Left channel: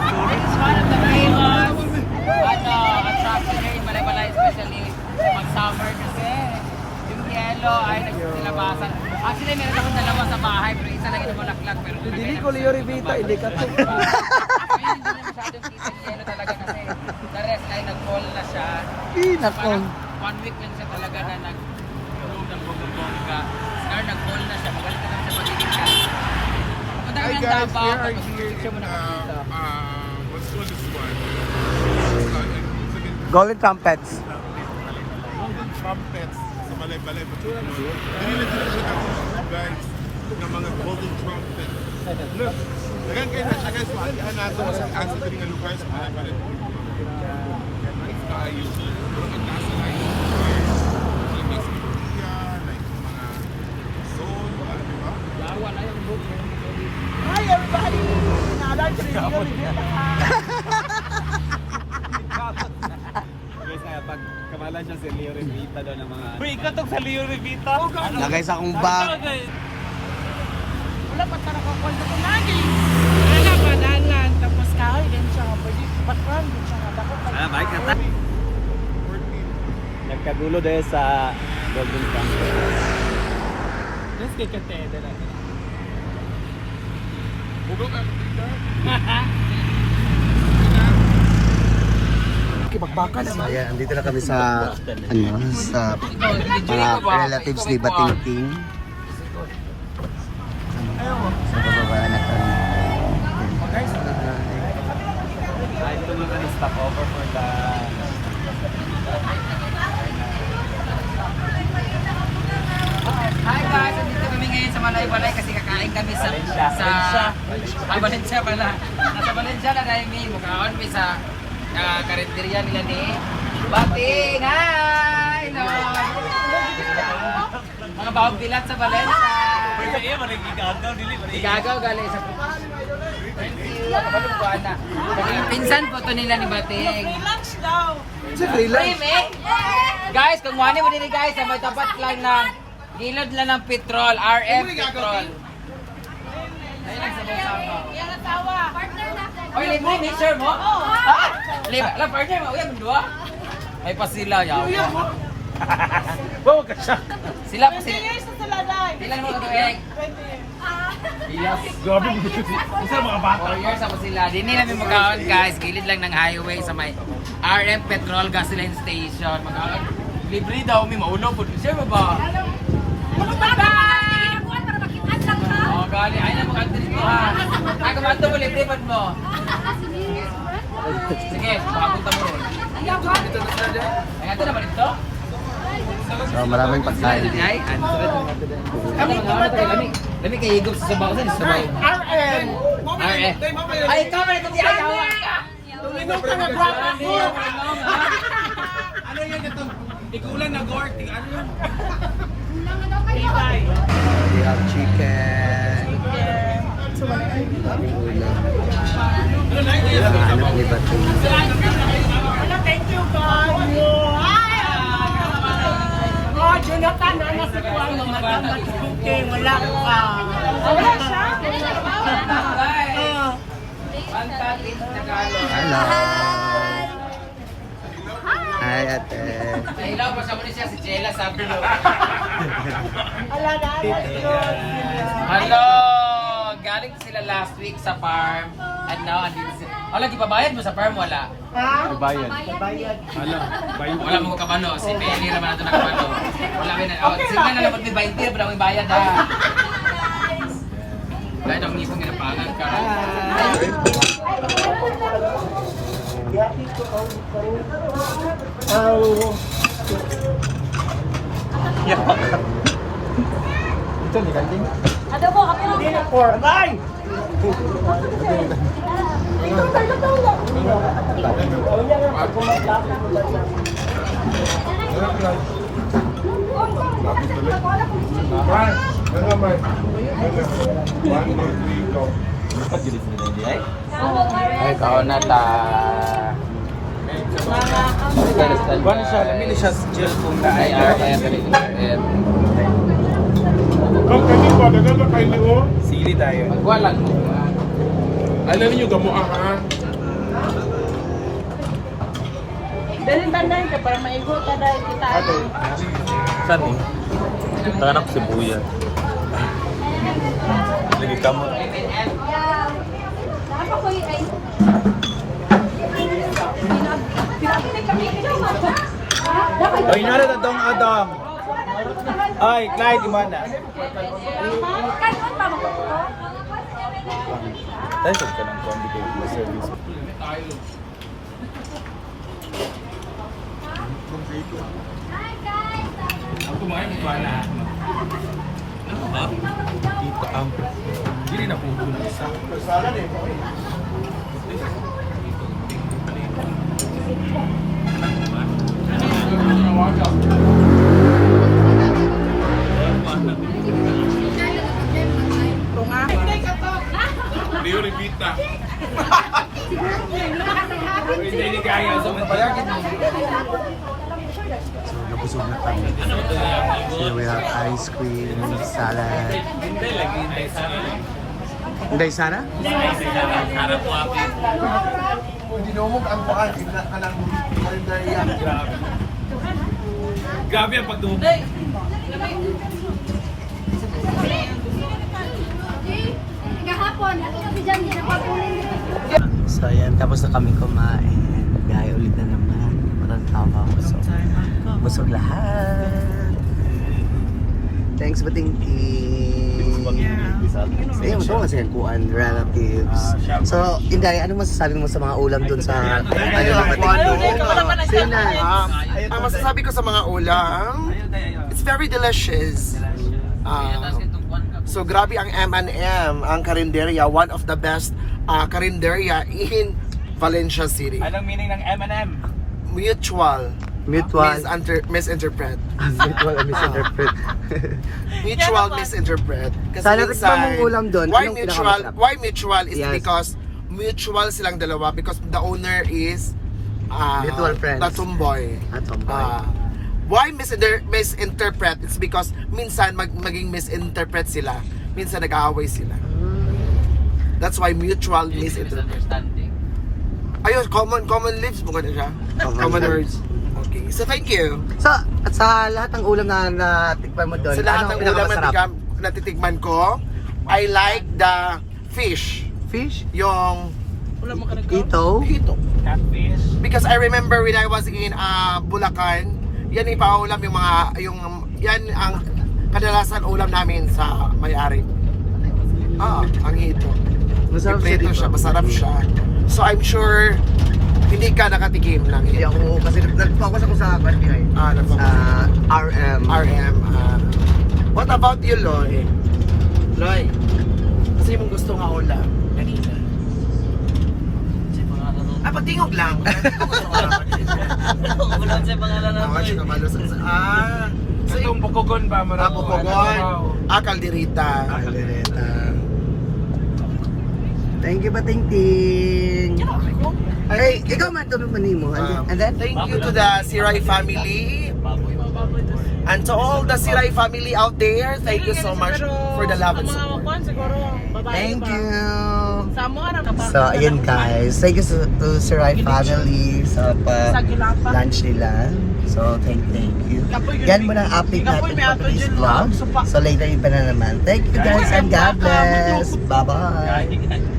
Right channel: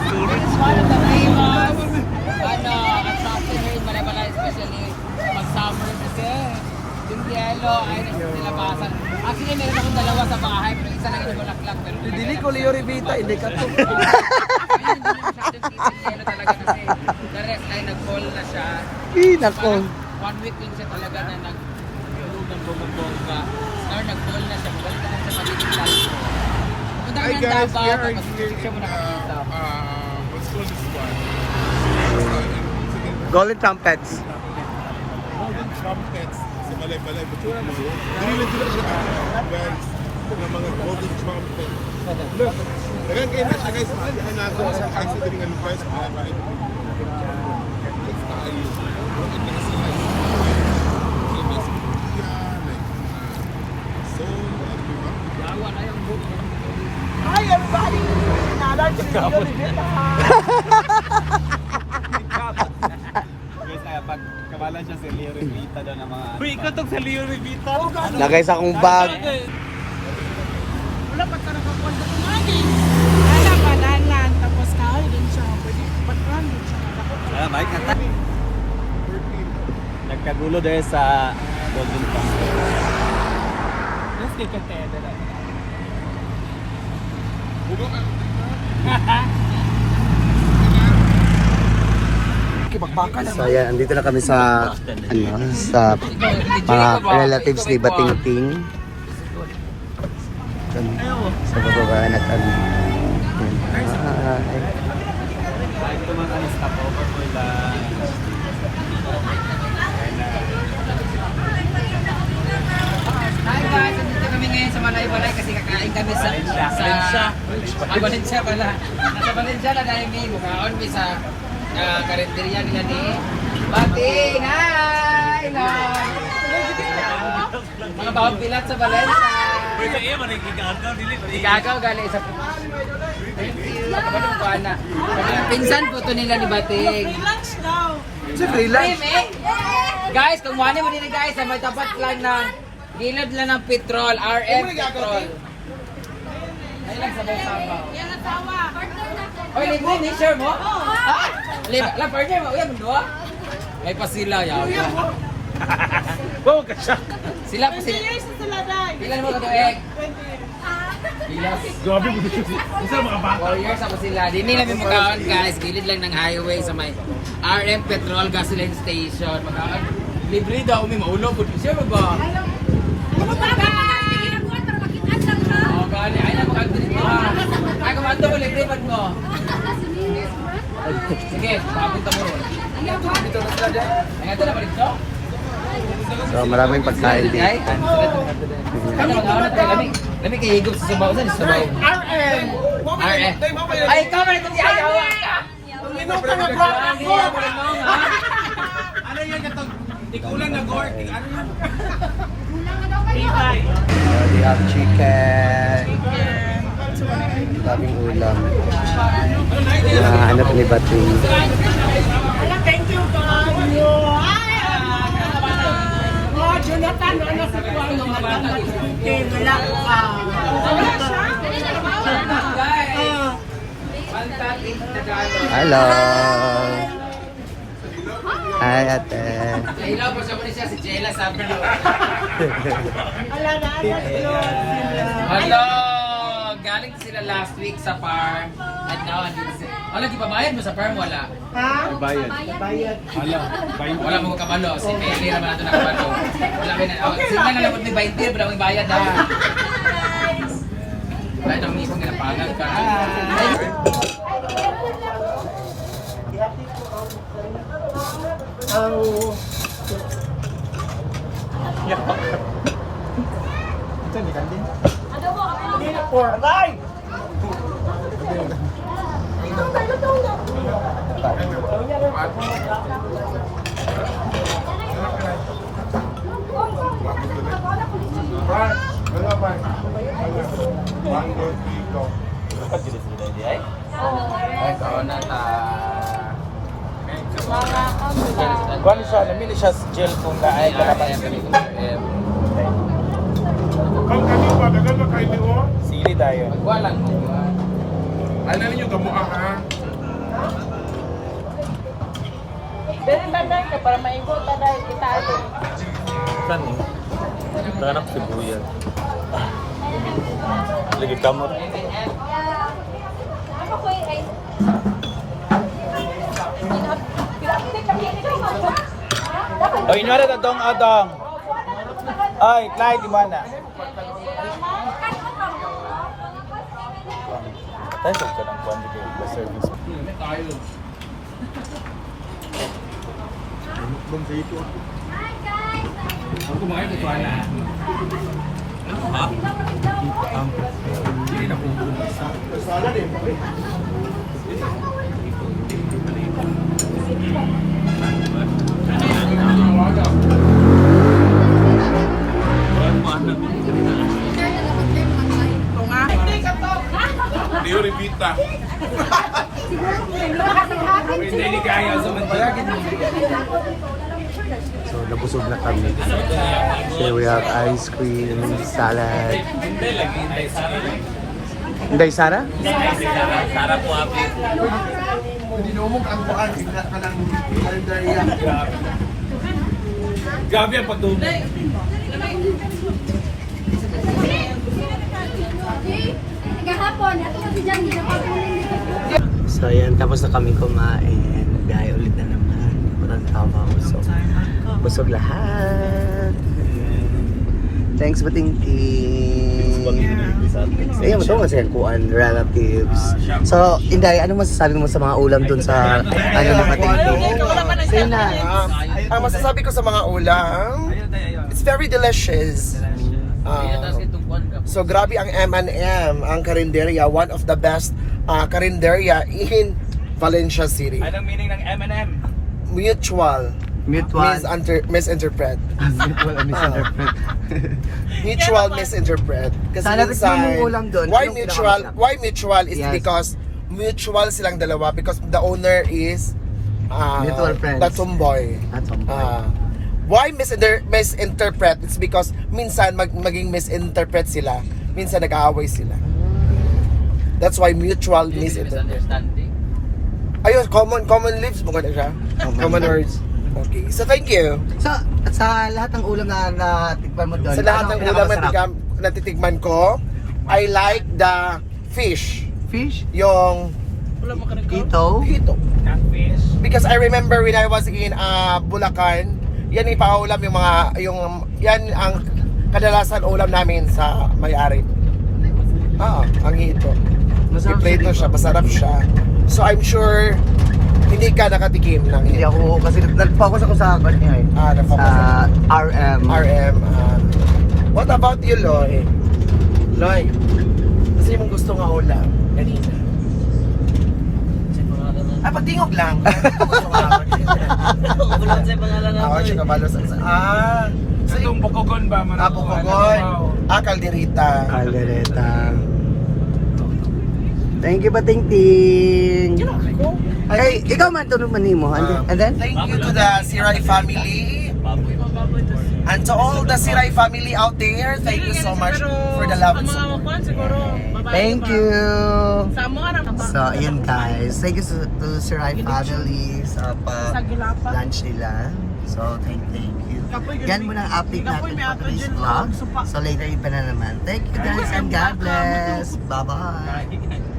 This is one of the famous attraction here in Balay-Balay, especially pag summer kasi yung yelo ay nagsilabasan. Actually, meron akong dalawa sa bahay pero isa lang yung bulaklak. Pero Hindi ko Leo Rivita, hindi ka. Hindi masyadong kitchen yelo talaga kasi na-rest ay nag-fall na siya. Nako. Parang 1 week lang siya talaga na nag-tulog ng bongga-bongga. Ngayon nag-fall na siya, mabalik na naman siya pagiging calcio. Pupunta kami ng Davao, pag mag-picture mo na what's called this one? Golden trumpets. Golden trumpets sa Balay-Balay. Hindi na sila siya guys ng mga golden trumpets. Look, naging kayo na siya guys. Nasa din nga guys sa Balay-Balay. Nice tayo. Pero nasa like nasa Pilipiya, like soul, ano ba? Hi everybody! Kapot na. Kabala siya sa Leo Rivita daw ng mga... Uy, ikaw itong sa Leo Rivita. Lagay sa akong bag. Wala ba dalan, tapos kahoy din siya. Bakal din siya. Balik na tayo. Nagkagulo dahil sa Golden Trumpet. Let's get a tayo doon. So ayan, andito na kami sa sa relatives ni Batingting. Sa bababa na kami. Ay, ito mga kanista po. Hi guys, nandito kami ngayon sa Balay-Balay kasi kakain kami sa Valencia pala. Nasa Valencia na dahil may mukhaon kami sa karinderya nila ni Bating. Hi! Hello! Mga bawang pilat sa Valencia. Igagaw galing sa thank you. Naging pinsan po to nila ni Bating. Relax daw. Guys, kung wani mo din guys, sa may tapat lang ng gilid lang ng petrol, RM petrol. Ayun lang sa Basabaw. Oy, libre ni share mo? Ha? Libre, la partner mo, uyan mo doa? Ay pa sila yaw. Go ka siya. Sila pa sila. Sa sila dai. Ilan mo ka doeg? 20 Ilas. Grabe mo kasi. Isa mga bata. 4 years ako sila. Dini namin magkaon guys, gilid lang ng highway sa may RM Petrol Gasoline Station. Magkaon. Libre daw, may maulo po. Siya ba? Ano ba ba? Oh, gali. Ay, namakanta dito ha. Ay, kumanto mo, libre pag mo. Sige, makapunta mo rin. Dito na sila dyan. Ay, ito na ba dito? So maraming pagkain dito. Kami tumatay. Lami kayo higop sa sabaw. Saan sa sabaw? RM. RM. Ay, ikaw na hindi ayawa. Minuto na drop ako. Ano yun ito? Ikulang na gourd. Ano yun? We have chicken. We have ulam. Hanap ni Bating. Thank you God. Oh, Jonathan, ano si Kuang mamatang wala ka. Hello. Hi, ate. Nahilaw pa siya mo siya si Jella sabi mo. Hello! Galing sila last week sa farm. At now, andito sila. Wala, ipabayad mo sa farm? Wala. Bayad. Wala mo kabalo. Si Peli naman natin nakabalo. Wala ba na. Oh, sila na labot may 20. Wala may bayad ha. Wala itong mismo ginapangan ka. Ay, kao na ta. Wala siya, lamili siya sa jail kung Ay, RM. Pag kami ba, dagan na kayo niyo? Sili tayo. Walang. Ay, nanin yung gamuang ha? Dali banday ka para maigo ka dahil kita. Saan eh? Tangan ako si Buya. Lagi kamu. Ay, inwara na dong adong. Ay, Clyde, imana. Ay, sa kanang kuwan kay na service. Ako kumain mo pa na. Hindi na po. Hindi rin pita. Hindi kaya sa mantiyakin mo. So, nabusog na kami. Here we have ice cream, salad. Inday Sara? Sarap po ako. Grabe ang pagdumi. Kahapon, ako kasi dyan ginapagulong dito. So, ayan. Tapos na kami kumain. Gaya ulit na naman. Walang tawa ko. So, busog lahat. Thanks, Batingking. So, ayan, ito masaya kuan relatives. So, Inday, ano masasabi mo sa mga ulam dun sa ano ni Batingking? Say na. Ang masasabi ko sa mga ulam, it's very delicious. So grabe ang M&M, ang karinderya, one of the best karinderya in Valencia City. Anong meaning ng M&M? Mutual. Mutual. Misinterpret. Mutual misinterpret. Mutual misinterpret. Kasi Sana tikman mong ulam dun. Why Anong mutual? pinakamasarap? Why mutual is Yes. because mutual silang dalawa because the owner is Mutual friends. the tomboy. At tomboy. Why misinterpret? It's because minsan maging misinterpret sila. Minsan nag-aaway sila. That's why mutual misinterpret. Ayun, common lives mo na siya. Common words. Okay, so thank you. So, at sa lahat ng ulam na natikman mo doon, Sa lahat ng anong ulam pinakamasarap? na natitikman ko, I like the fish. Fish? Yung Ito? hito. Catfish. Because I remember when I was in Bulacan, yan ipaulam yan ang kadalasan ulam namin sa may-ari. Ang hito. Masarap Iprito siya, dito. masarap siya. So I'm sure hindi ka nakatikim ng Hindi hito. ako, kasi nag-focus ako sa kanya eh. Nag-focus Sa RM. RM. What about you, Loy? Loy, kasi mong gusto nga ulam kanina. Pagtingog lang. So Itong bukogon ba? Pukogon. Kalderita. Caldereta. Thank you, Batingting. Hey, ikaw man ito naman mo. And then? Thank you to the Siray family. And to all the Siray family out there, thank you so much for the love and support. Thank you. So, ayun guys. Thank you to Siray family sa lunch nila. So, thank you. Yan muna ang update natin for today's vlog. So, later iba na naman. Thank you guys and God bless. Bye-bye.